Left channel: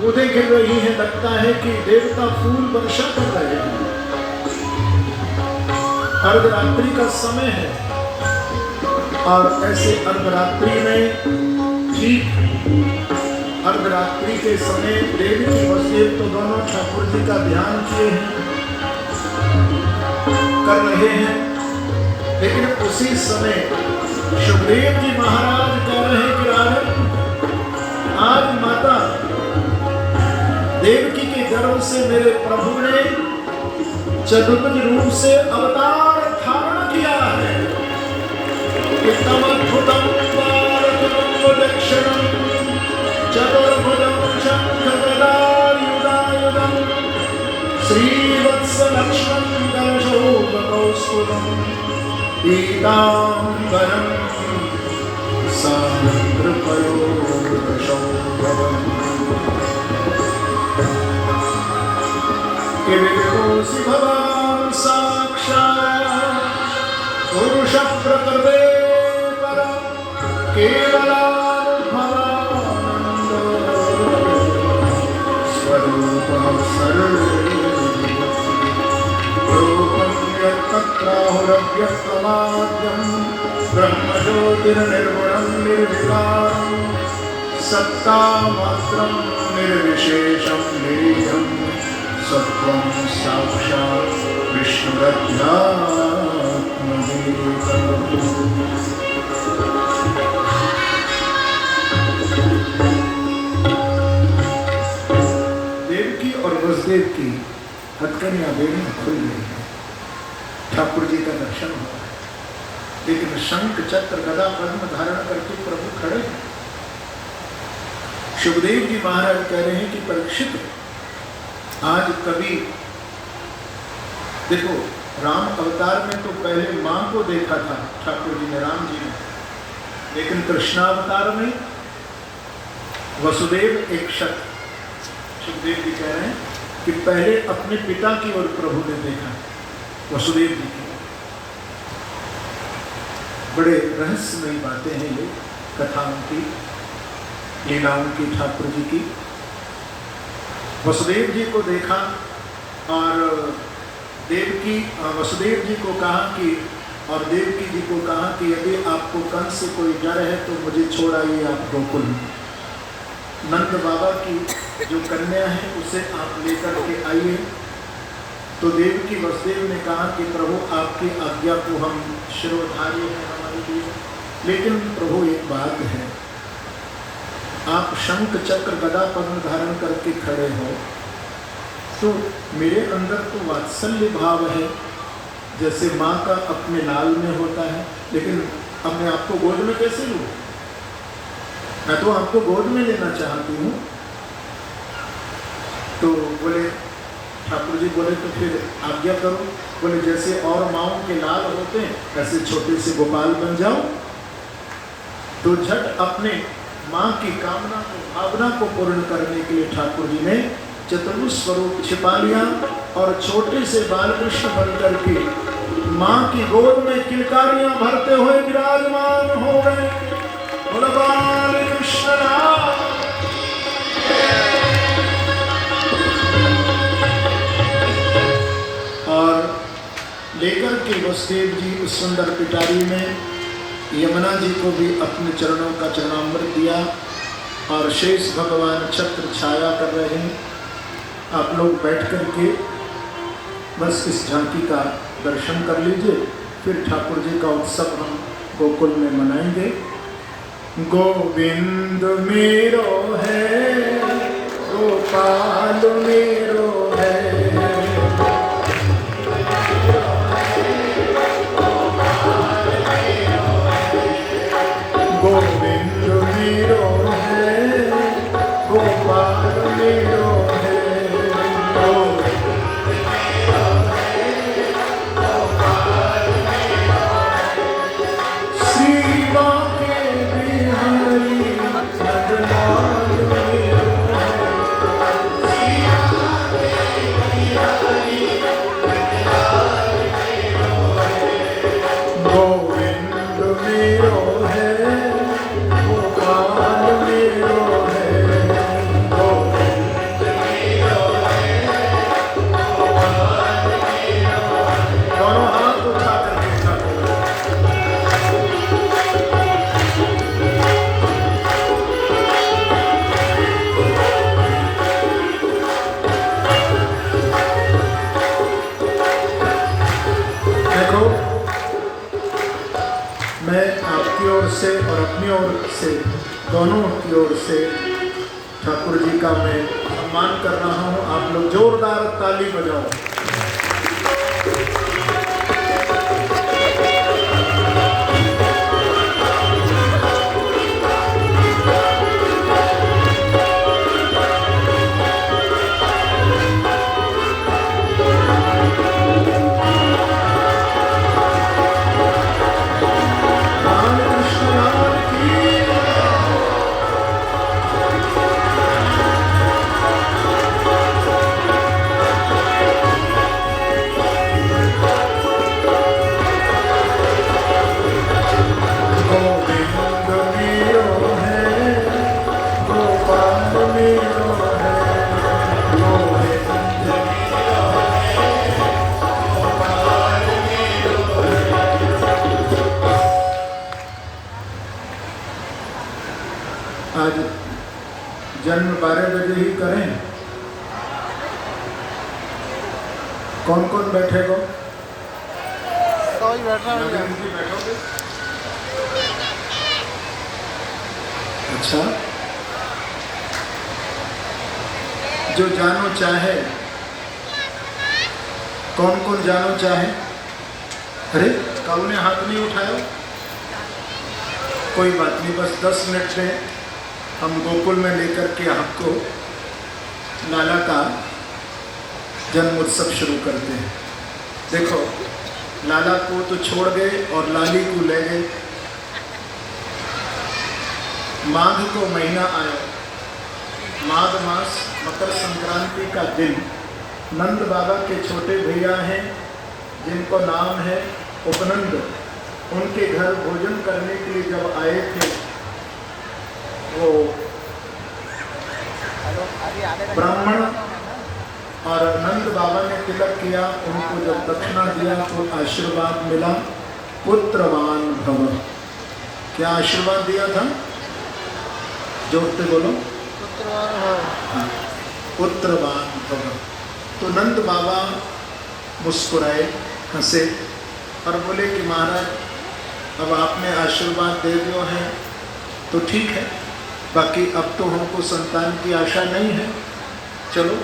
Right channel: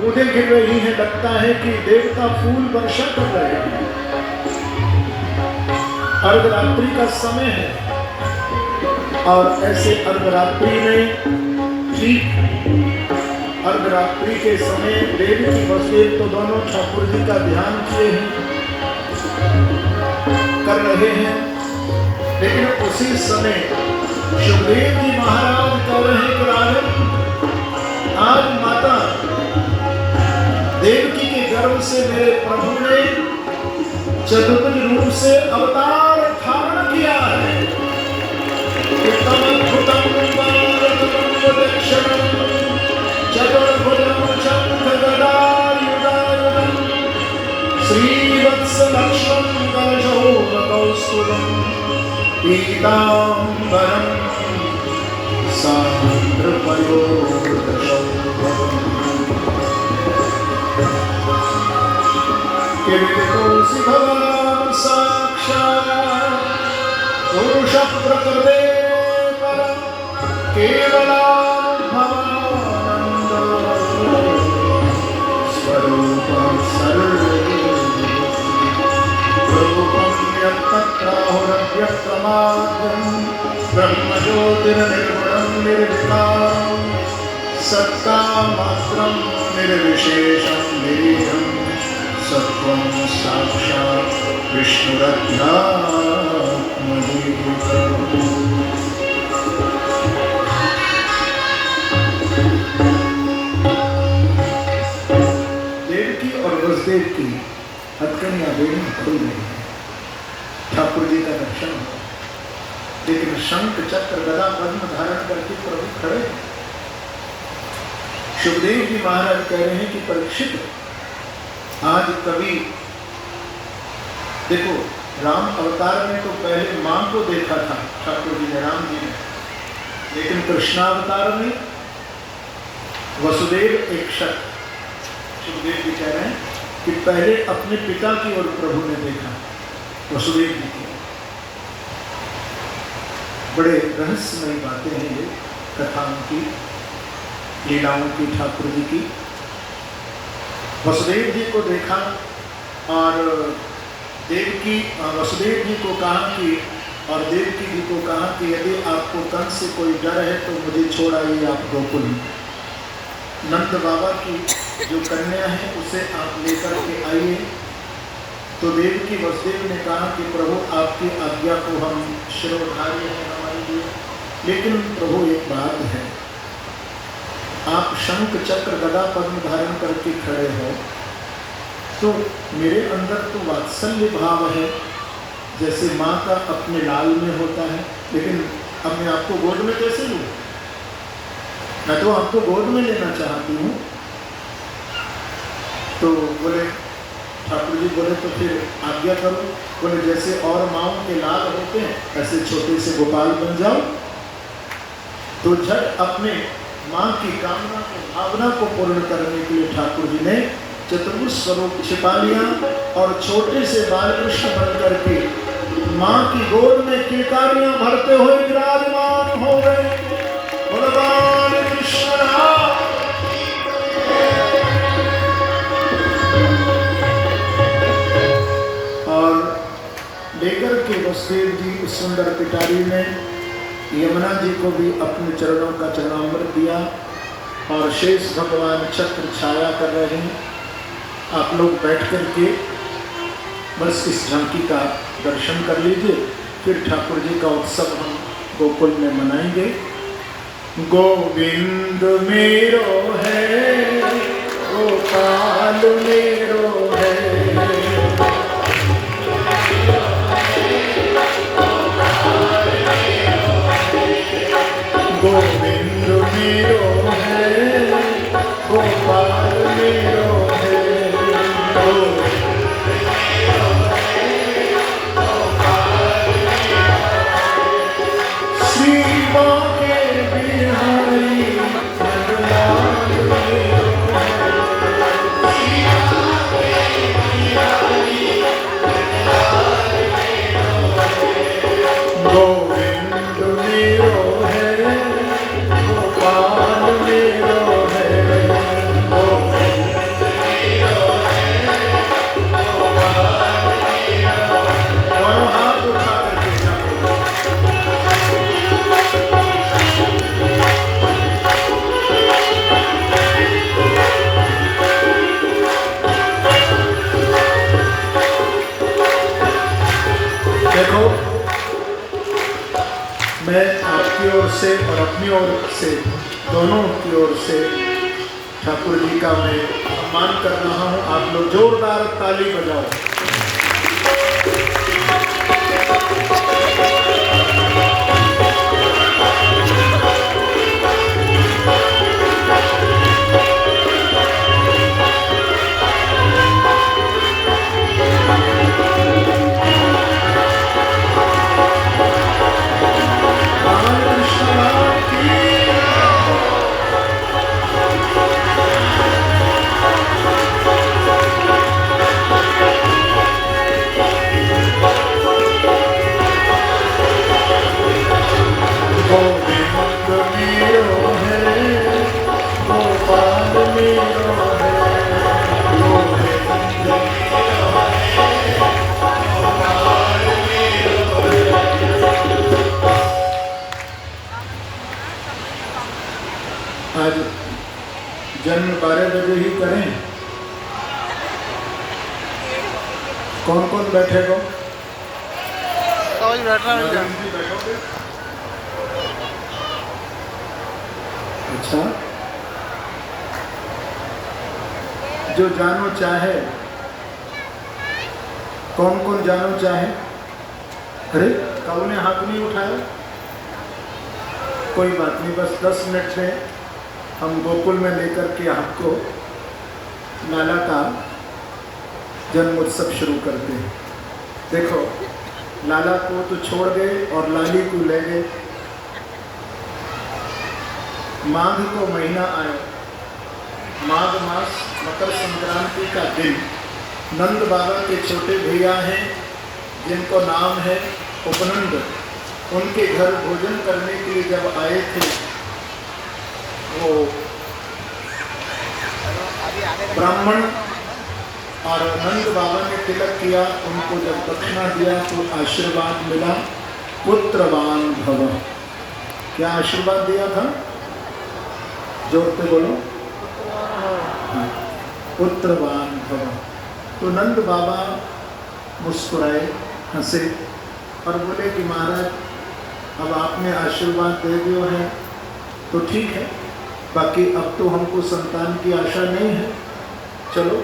बूंदें गिर रही हैं, लगता है कि देवता फूल वर्षा कर रहे हैं। अर्धरात्रि का समय है और ऐसे अर्धरात्रि में ठीक अर्धरात्रि के समय देवी की वसुदेव तो दोनों ठाकुर जी का ध्यान किए हैं, कर रहे हैं, लेकिन उसी समय सुखदेव जी महाराज कह रहे हैं कि राघव, आज माता देवकी के गर्भ से मेरे प्रभु ने चतुर्भुज रूप से अवतार धारण किया है। श्रीवत्स लक्ष्मण कौस्तुभम् पीताम्बरं सान्द्रपयोधशौभवम् किरीटोऽसि भवान् साक्षात् पुरुषः प्रकृते परं केवलानुभवानन्द स्वरूपः सर्वरूपं यत्तत्राहुरव्यक्तमाद्यं ब्रह्मज्योतिर्निर्गुणं निर्विकारं सत्तामात्रं निर्विशेषं निरीहं सत्वं साक्षात् विष्णुरत्नात्मभूतं। देवकी और वसुदेव की हथकड़ियां बेड़ी खुल गई हैं, ठाकुर जी का दर्शन हुआ, लेकिन शंख चक्र गदा पद्म धारण करके प्रभु खड़े हैं। सुखदेव जी महाराज कह रहे हैं कि परीक्षित, आज कभी देखो, राम अवतार में तो पहले मां को देखा था ठाकुर जी ने, राम जी ने, लेकिन कृष्णावतार में वसुदेव एक शख्स, सुखदेव जी कह रहे हैं कि पहले अपने पिता की ओर प्रभु ने देखा, वसुदेव जी की। बड़े रहस्यमयी बातें हैं ये, कथाओं की, लीलाओं की, ठाकुर जी की। वसुदेव जी को देखा और देवकी वसुदेव जी को कहा कि, और देवकी जी को कहा कि यदि आपको कंस से कोई डर है तो मुझे छोड़ आइए आप गोकुल। नंद बाबा की जो कन्या है उसे आप लेकर के आइए। तो देवकी वसुदेव ने कहा कि प्रभु आपकी आज्ञा को हम शिरोधार्य हैं हमारे लिए, लेकिन प्रभु एक बात है, आप शंख चक्र गदा पद्म धारण करके खड़े हो तो मेरे अंदर तो वात्सल्य भाव है, जैसे माँ का अपने लाल में होता है, लेकिन अब मैं आपको गोद में कैसे लूँ? मैं तो आपको गोद में लेना चाहती हूँ। तो बोले, ठाकुर जी बोले तो फिर आज्ञा करो। बोले जैसे और माँओं के लाल होते हैं ऐसे छोटे से गोपाल बन जाओ। तो झट अपने माँ की कामना को, भावना को पूर्ण करने के लिए ठाकुर जी ने चतुर्भुज स्वरूप छिपा लिया और छोटे से बालकृष्ण बन करके माँ की गोद में किलकारियां भरते हुए विराजमान हो गए। बालकृष्ण और लेकर के वसुदेव जी उस सुंदर पिटारी में यमुना जी को भी अपने चरणों का चरणामृत दिया और शेष भगवान चक्र छाया कर रहे हैं। आप लोग बैठ करके बस इस झांकी का दर्शन कर लीजिए, फिर ठाकुर जी का उत्सव हम गोकुल में मनाएंगे। गोविंद मेरो है, गोपाल मेरो है, गोविंद मेरो है, गोपाल मेरो है, श्री बांके बिहारी नंदलाल मेरो है, गोविंद मेरो है, गोपाल मेरो है, गोविंद मैं आपकी ओर से और अपनी ओर से दोनों की ओर से ठाकुर जी का मैं सम्मान कर रहा हूँ। आप लोग जोरदार ताली बजाओ। आज जन्म 12 बजे ही करें। कौन कौन बैठेगा? बैठोगे? अच्छा, जो जानो चाहे, कौन कौन जानो चाहे? अरे कौन ने हाथ नहीं उठाया? कोई बात नहीं, बस 10 मिनट में हम गोकुल में लेकर के आपको लाला का जन्म उत्सव शुरू करते हैं। देखो, लाला को तो छोड़ गए और लाली को ले गए। माघ को महीना आया, माघ मास, मकर संक्रांति का दिन। नंद बाबा के छोटे भैया हैं जिनको नाम है उपनंद, उनके घर भोजन करने के लिए जब आए थे, वो ब्राह्मण और नंद बाबा ने तिलक किया। उनको जब दक्षिणा दिया तो आशीर्वाद मिला, पुत्रवान भव। क्या आशीर्वाद दिया था? जोर से बोलो, पुत्रवान भव। तो नंद बाबा मुस्कुराए, हंसे और बोले कि महाराज, अब आपने आशीर्वाद दे दिया है तो ठीक है, बाकी अब तो हमको संतान की आशा नहीं है, चलो।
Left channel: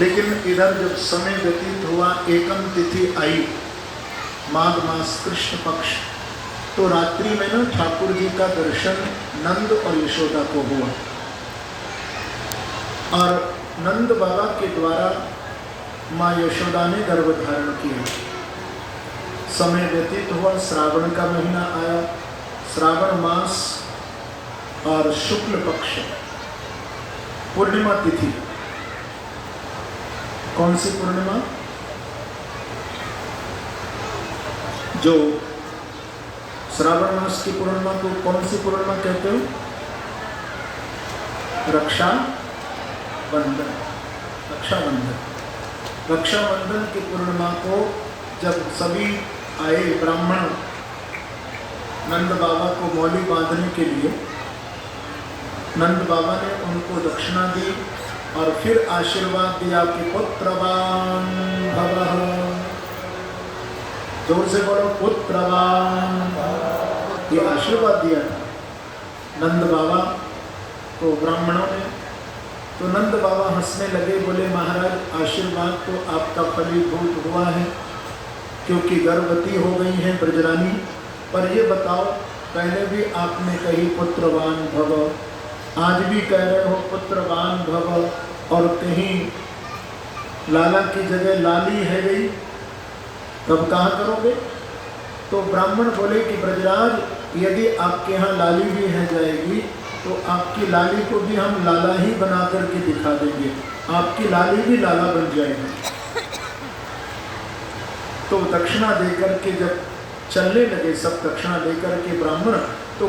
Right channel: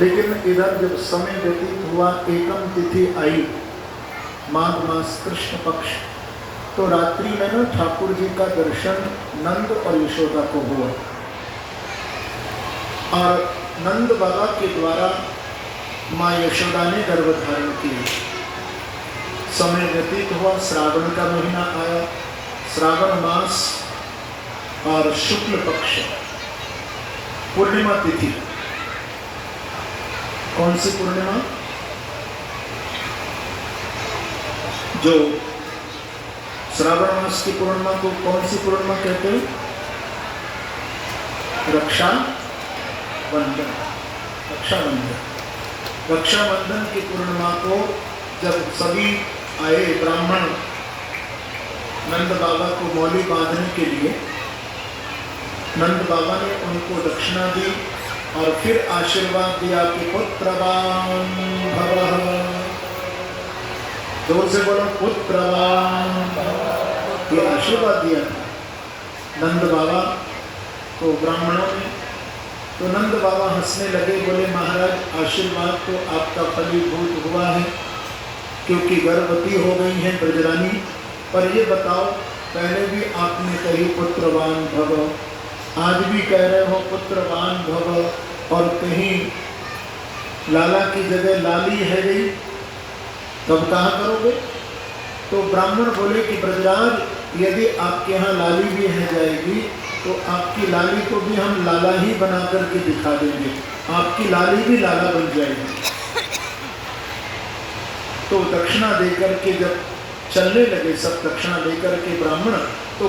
लेकिन इधर जब समय व्यतीत हुआ, एकम तिथि आई, माघ मास कृष्ण पक्ष, तो रात्रि में ना ठाकुर जी का दर्शन नंद और यशोदा को हुआ और नंद बाबा के द्वारा माँ यशोदा ने गर्भ धारण किया। समय व्यतीत हुआ, श्रावण का महीना आया, श्रावण मास और शुक्ल पक्ष पूर्णिमा तिथि। कौन सी पूर्णिमा? जो श्रावण मास की पूर्णिमा को कौन सी पूर्णिमा कहते हो? रक्षाबंधन। रक्षाबंधन, रक्षाबंधन की पूर्णिमा को जब सभी आए ब्राह्मण नंद बाबा को मौली बांधने के लिए, नंद बाबा ने उनको दक्षिणा दी और फिर आशीर्वाद दिया कि पुत्रवान भवः। जोर से बोलो, पुत्रवान। ये आशीर्वाद दिया था नंद बाबा को ब्राह्मणों ने। तो नंद बाबा हंसने लगे, बोले महाराज, आशीर्वाद तो आपका फलीभूत हुआ है क्योंकि गर्भवती हो गई हैं ब्रजरानी। पर ये बताओ, पहले भी आपने कही पुत्रवान भव, आज भी कह रहे हो पुत्रवान भव, और कहीं लाला की जगह लाली है गई, तब कहाँ करोगे? तो ब्राह्मण बोले कि ब्रजराज, यदि आपके यहाँ लाली भी है जाएगी तो आपकी लाली को भी हम लाला ही बना करके दिखा देंगे, आपकी लाली भी लाला बन जाएगी। तो दक्षिणा देकर के जब चलने लगे सब, दक्षिणा देकर के ब्राह्मण, तो